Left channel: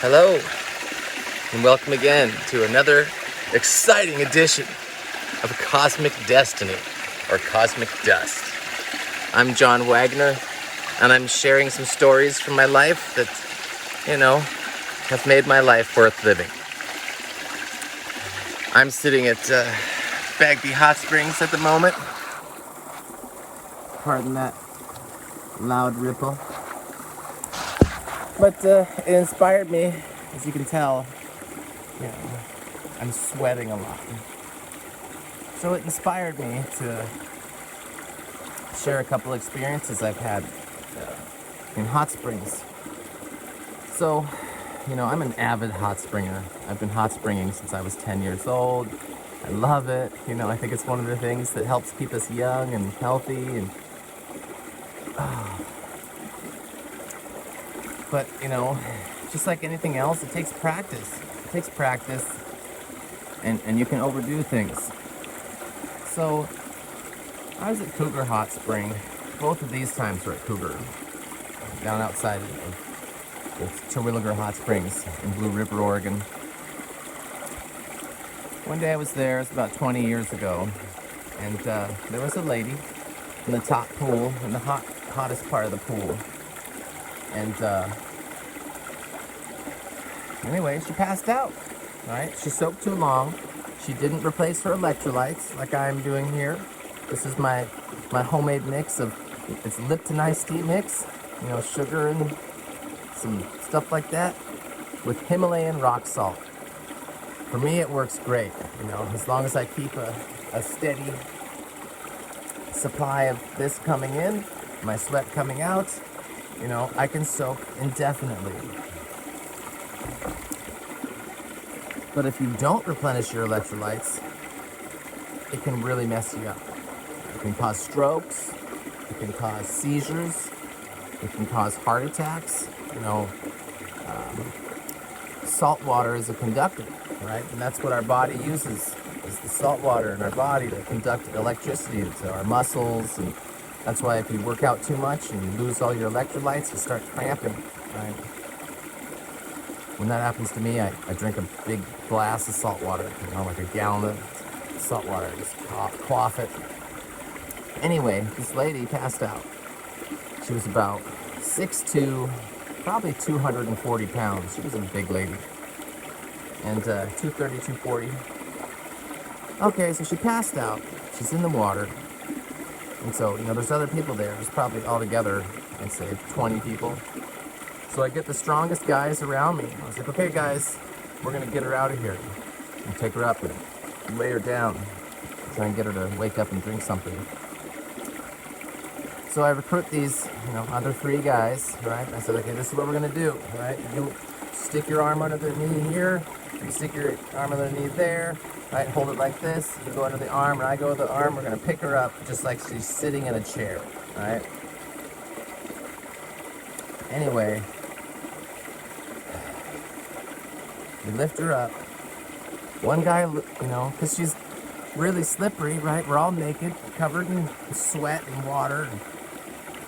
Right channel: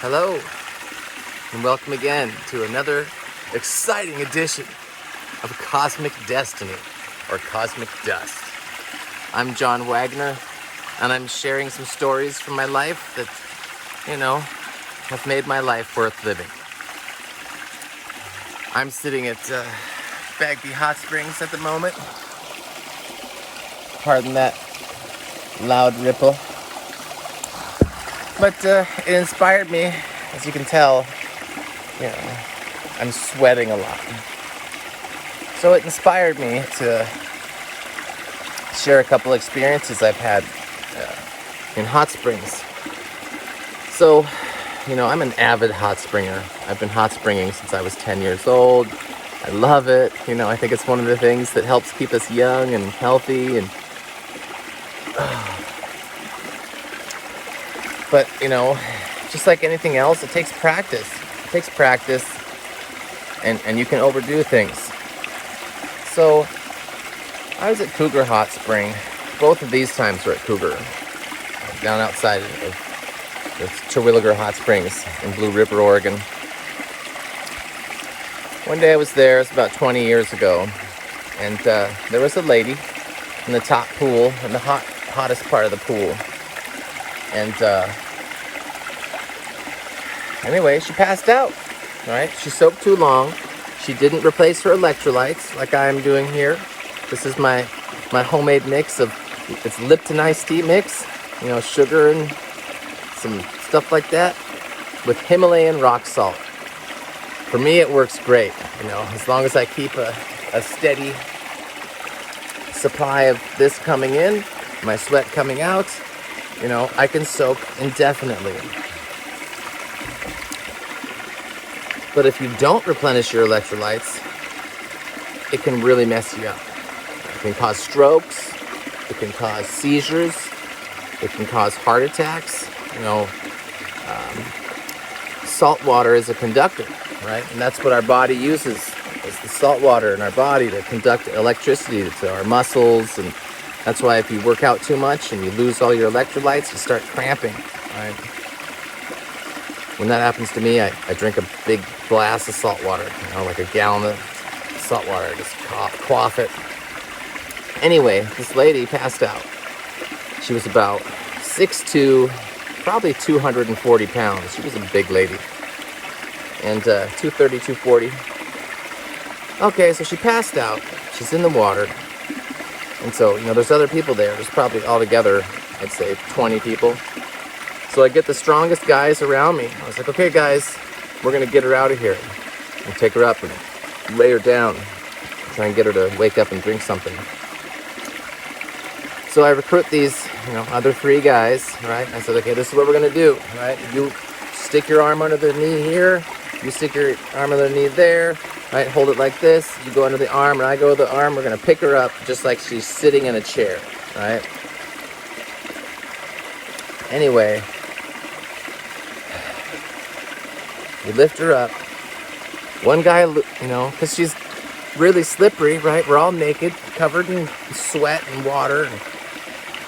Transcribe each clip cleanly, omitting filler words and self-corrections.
Hello, and welcome again to another exciting edition of Cosmic Destiny, or Cosmic Dust. I'm John Wagner, and I'm sharing some stories from my life that, have made my life worth living. I'm sitting at Bagby Hot Springs at the moment. Pardon that loud ripple. But it inspired me, as you can tell, I'm sweating a lot. So it inspired me to share a couple experiences I've had in hot springs. So, I'm an avid hot springer. I've been hot springing since I was 10 years old. I love it. I think it's one of the things that helps keep us young and healthy and But, just like anything else, it takes practice. It takes practice, and you can overdo things. So, I was at Cougar Hot Spring. Both of these times were at Cougar, down outside of the Terwilliger Hot Springs in Blue River, Oregon. One day I was there, it was about 20 years ago, and there was a lady in the top pool, in the hottest part of the pool. And anyway, she passed out, right? She soaked too long. She didn't replace her electrolytes like I'm doing here. This is my homemade mix of, it's Lipton iced tea mix, sugar and some stuff like that with Himalayan rock salt. For me, it works great, as long as I keep a steady supply of this coming in, my sweat coming out, I can soak indefinitely. But if you don't replenish your electrolytes, it can really mess you up. It can cause strokes, it can cause seizures, it can cause heart attacks. Salt water is a conductor, right? And that's what our body uses, is the salt water in our body to conduct electricity to our muscles. And that's why if you work out too much and you lose all your electrolytes, you start cramping, right? When that happens to me, I drink a big glass of salt water, like a gallon of salt water. I just quaff it. Anyway, this lady passed out. She was about 6'2", probably 240 pounds. She was a big lady. And 230, 240. Okay, so she passed out. She's in the water. And so, there's other people there. There's probably altogether, let's say, 20 people. So I get the strongest guys around me. I was like, okay, guys, we're going to get her out of here. And take her up and lay her down. Try and get her to wake up and drink something. So I recruit these, other 3 guys, right? I said, okay, this is what we're going to do, right? You stick your arm under the knee here. You stick your arm under the knee there. Right, hold it like this. You go under the arm, and I go to the arm. We're gonna pick her up just like she's sitting in a chair, right? Anyway, we lift her up. One guy, because she's really slippery, right? We're all naked, covered in sweat and water.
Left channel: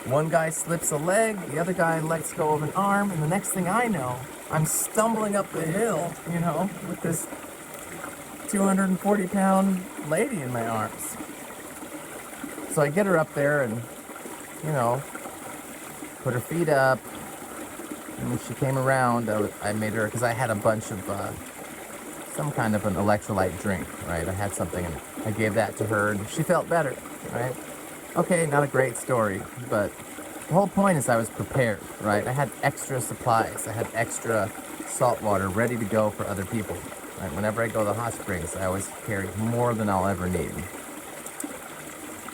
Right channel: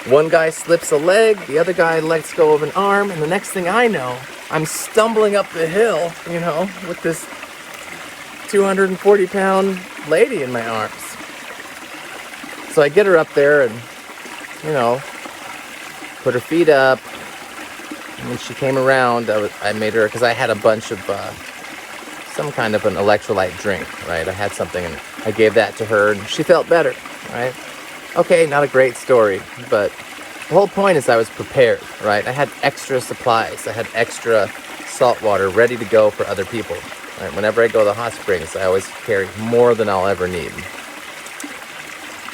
One guy slips a leg, the other guy lets go of an arm, and the next thing I know, I'm stumbling up the hill, with this 240-pound lady in my arms. So I get her up there and, put her feet up. And when she came around, I made her, because I had a bunch of some kind of an electrolyte drink, right? I had something, and I gave that to her, and she felt better, right? Okay, not a great story, but the whole point is I was prepared, right? I had extra supplies. I had extra salt water ready to go for other people. Right? Whenever I go to the hot springs, I always carry more than I'll ever need.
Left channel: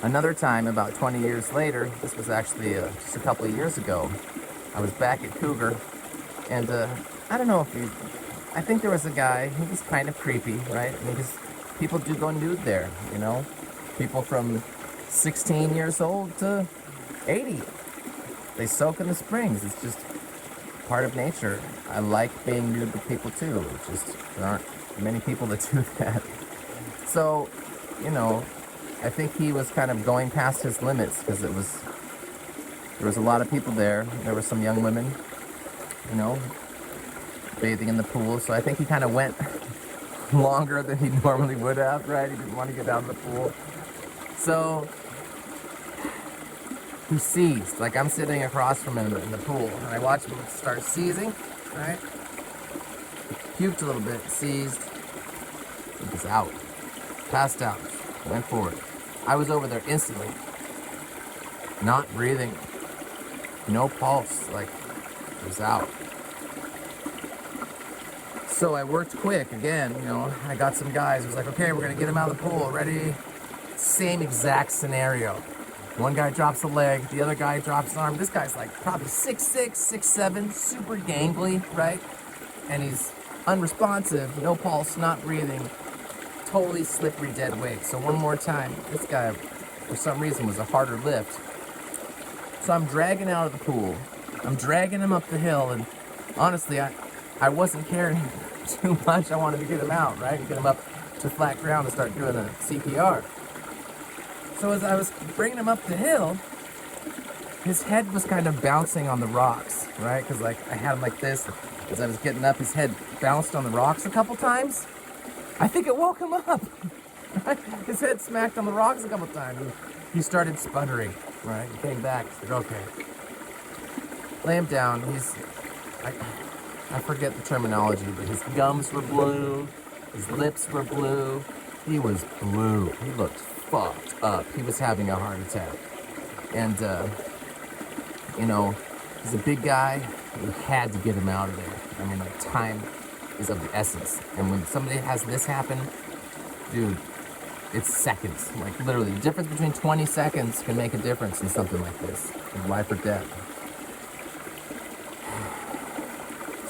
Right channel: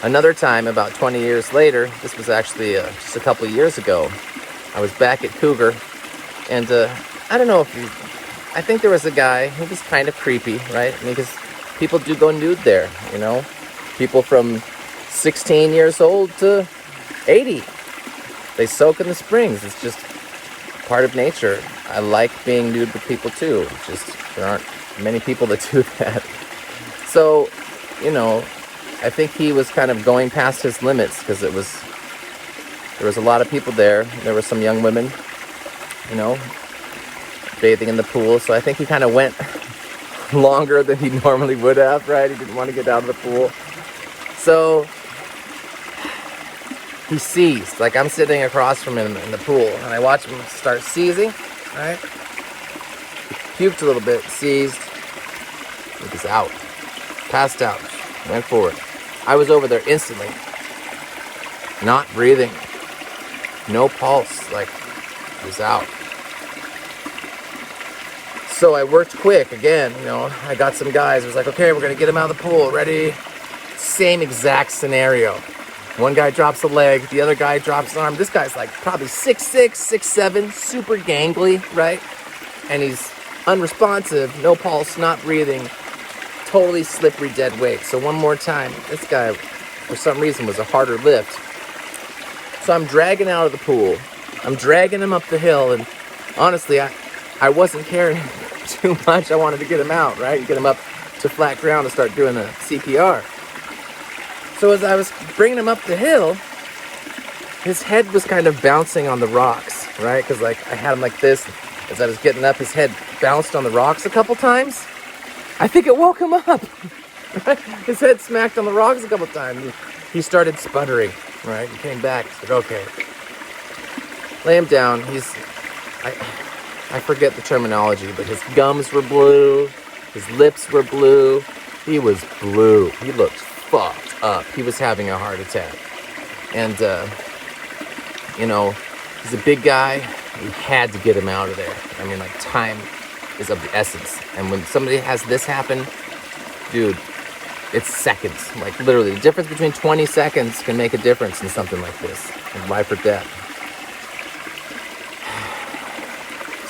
Another time, about 20 years later, this was actually just a couple of years ago, I was back at Cougar, and I don't know if I think there was a guy who was kind of creepy, right? Because people do go nude there, People from 16 years old to 80. They soak in the springs. It's just part of nature. I like being nude with people too. Just there aren't many people that do that. So, I think he was kind of going past his limits because there was a lot of people there. There were some young women, bathing in the pool. So I think he kind of went longer than he normally would have, right? He didn't want to get out of the pool. So he seized. Like, I'm sitting across from him in the pool, and I watch him start seizing, right? He puked a little bit, seized. He was out. Passed out. Went forward. I was over there instantly. Not breathing. No pulse. Like, he was out. So I worked quick again, you know. I got some guys. I was like, okay, we're going to get him out of the pool. Ready? Same exact scenario. One guy drops a leg, the other guy drops an arm. This guy's like probably 6'6", 6'7", super gangly, right? And he's unresponsive, no pulse, not breathing, totally slippery dead weight. So one more time, this guy, for some reason, was a harder lift. So I'm dragging out of the pool. I'm dragging him up the hill, and honestly, I wasn't caring too much. I wanted to get him out, right? Get him up to flat ground and start doing a CPR. So as I was bringing him up the hill, his head was kind of bouncing on the rocks, right? Because like I had him like this. As I was getting up, his head bounced on the rocks a couple times. I think it woke him up. Right? His head smacked on the rocks a couple times. He started sputtering, right? He came back. He said, okay. Lay him down. I forget the terminology, but his gums were blue. His lips were blue. He was blue. He looked fucked up. He was having a heart attack. And, you know, he's a big guy. We had to get him out of there. I mean, like, time is of the essence. And when somebody has this happen, dude, it's seconds. Like, literally, the difference between 20 seconds can make a difference in something like this. Life or death.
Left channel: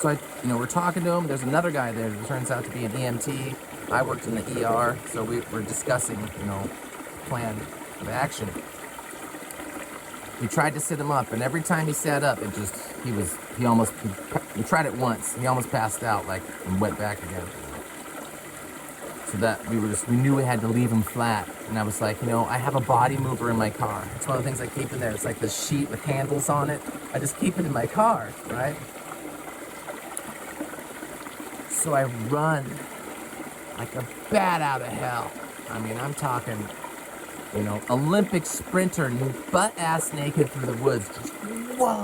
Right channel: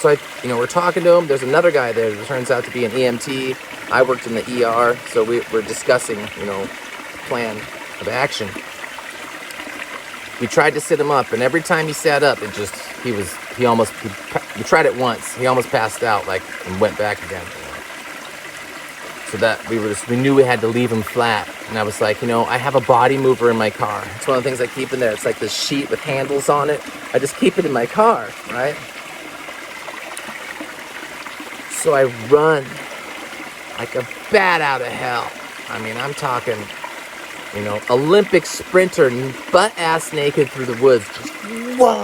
So, we're talking to him. There's another guy there that turns out to be an EMT. I worked in the ER, so we're discussing, plan of action. We tried to sit him up, and every time he sat up, we tried it once. He almost passed out, and went back again. So that we knew we had to leave him flat. And I was like, I have a body mover in my car. It's one of the things I keep in there. It's like this sheet with handles on it. I just keep it in my car, right? So I run like a bat out of hell. I mean, I'm talking, Olympic sprinter, butt-ass naked through the woods. Just, whoa!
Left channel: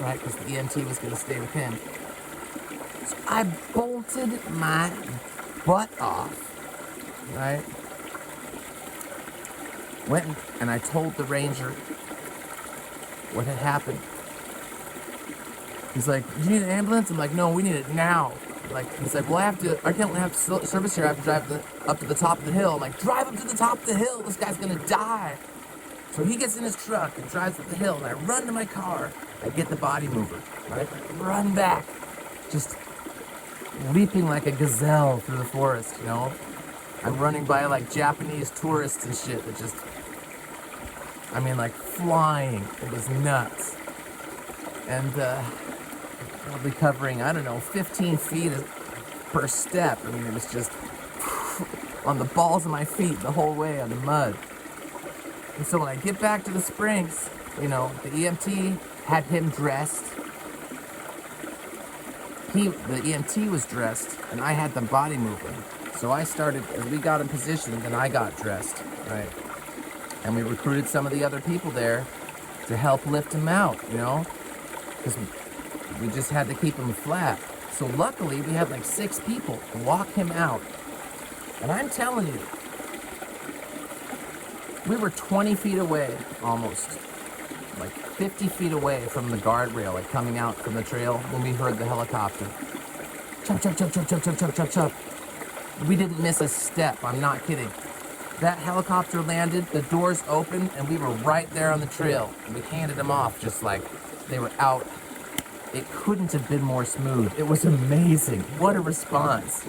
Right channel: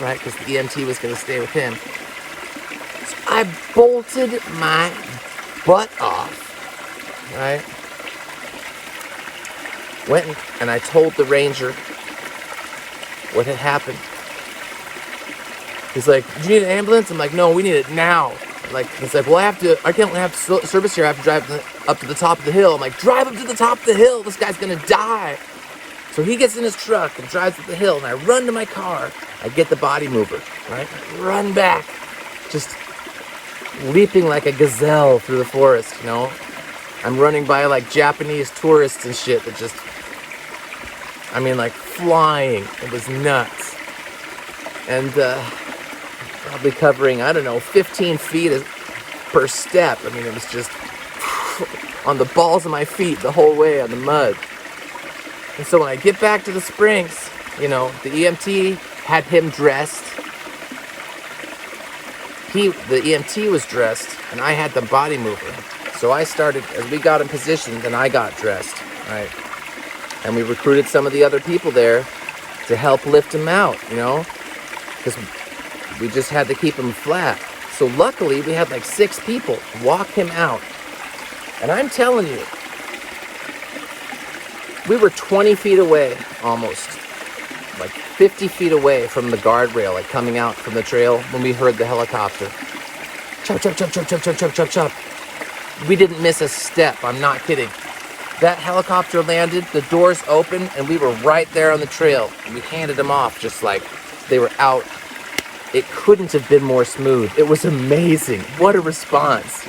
Right? Because the EMT was going to stay with him. So I bolted my butt off. Right? Went and I told the ranger what had happened. He's like, do you need an ambulance? I'm like, no, we need it now. He's like, well, I can't have service here. I have to drive up to the top of the hill. I'm like, drive up to the top of the hill. This guy's going to die. So he gets in his truck and drives up the hill, and I run to my car. I get the body mover, right? Run back. Just leaping like a gazelle through the forest, I'm running by, Japanese tourists and shit that just, flying. It was nuts. And, probably covering, 15 feet per step. It was just on the balls of my feet the whole way on the mud. And so when I get back to the Springs, the EMT had him dressed. The EMT was dressed, and I had the body mover. So I started, as we got in position, then I got dressed, right? And we recruited some of the other people there to help lift him out, because we just had to keep him flat. So luckily, we had 6 people walk him out. And I'm telling you, we were 20 feet away, almost. 50 feet away from the guardrail, coming out from the trail when we heard the helicopter. Chop, chop, chop, chop, chop, chop, chop, chop, chop. We didn't miss a step, I'm not kidding. That helicopter landed, the doors opened, and we were right there on the trail. And we handed them off just like they were out. It couldn't have been more smooth. It was amazing. What a response,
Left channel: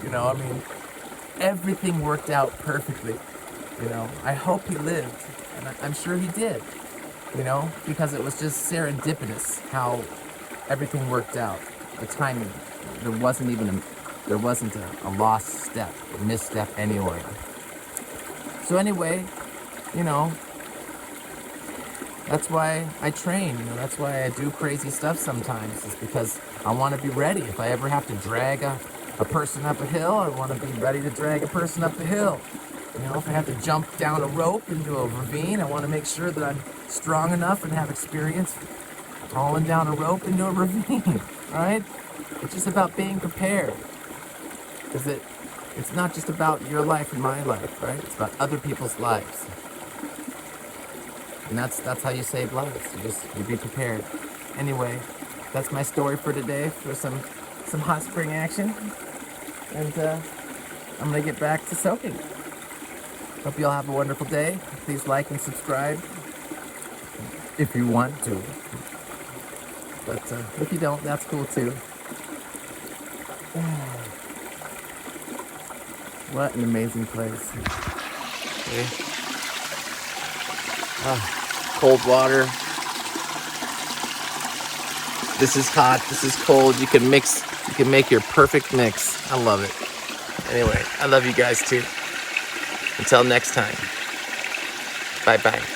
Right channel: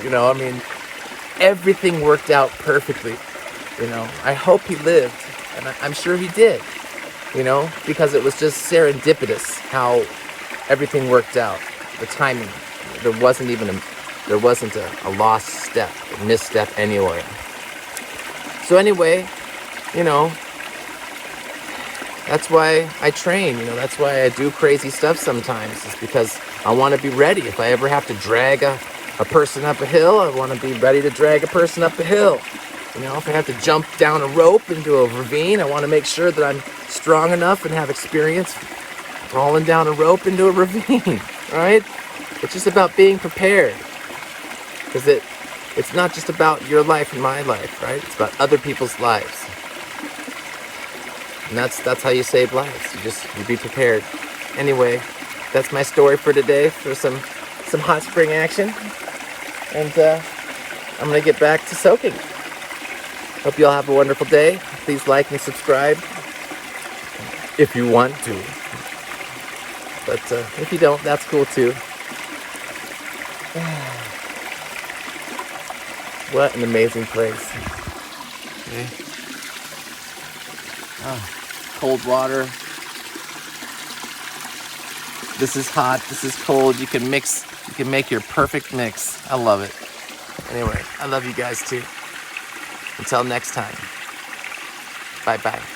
everything worked out perfectly, I hope he lived, and I'm sure he did, because it was just serendipitous how everything worked out. The timing, there wasn't a lost step, a misstep anywhere. So anyway, that's why I train, that's why I do crazy stuff sometimes. It's because I want to be ready. If I ever have to drag a person up a hill, I want to be ready to drag a person up the hill. You know, if I have to jump down a rope into a ravine, I want to make sure that I'm strong enough and have experience falling down a rope into a ravine, all right? It's just about being prepared. Because it's not just about your life and my life, right? It's about other people's lives. And that's how you save lives. You be prepared. Anyway, that's my story for today, for some hot spring action. And I'm gonna get back to soaking. Hope you all have a wonderful day. Please like and subscribe if you want to. But if you don't, that's cool too. What an amazing place. Okay. Cold water. This is hot, this is cold. You can make your perfect mix. I love it. Anyway, I love you guys too. Until next time. Bye-bye.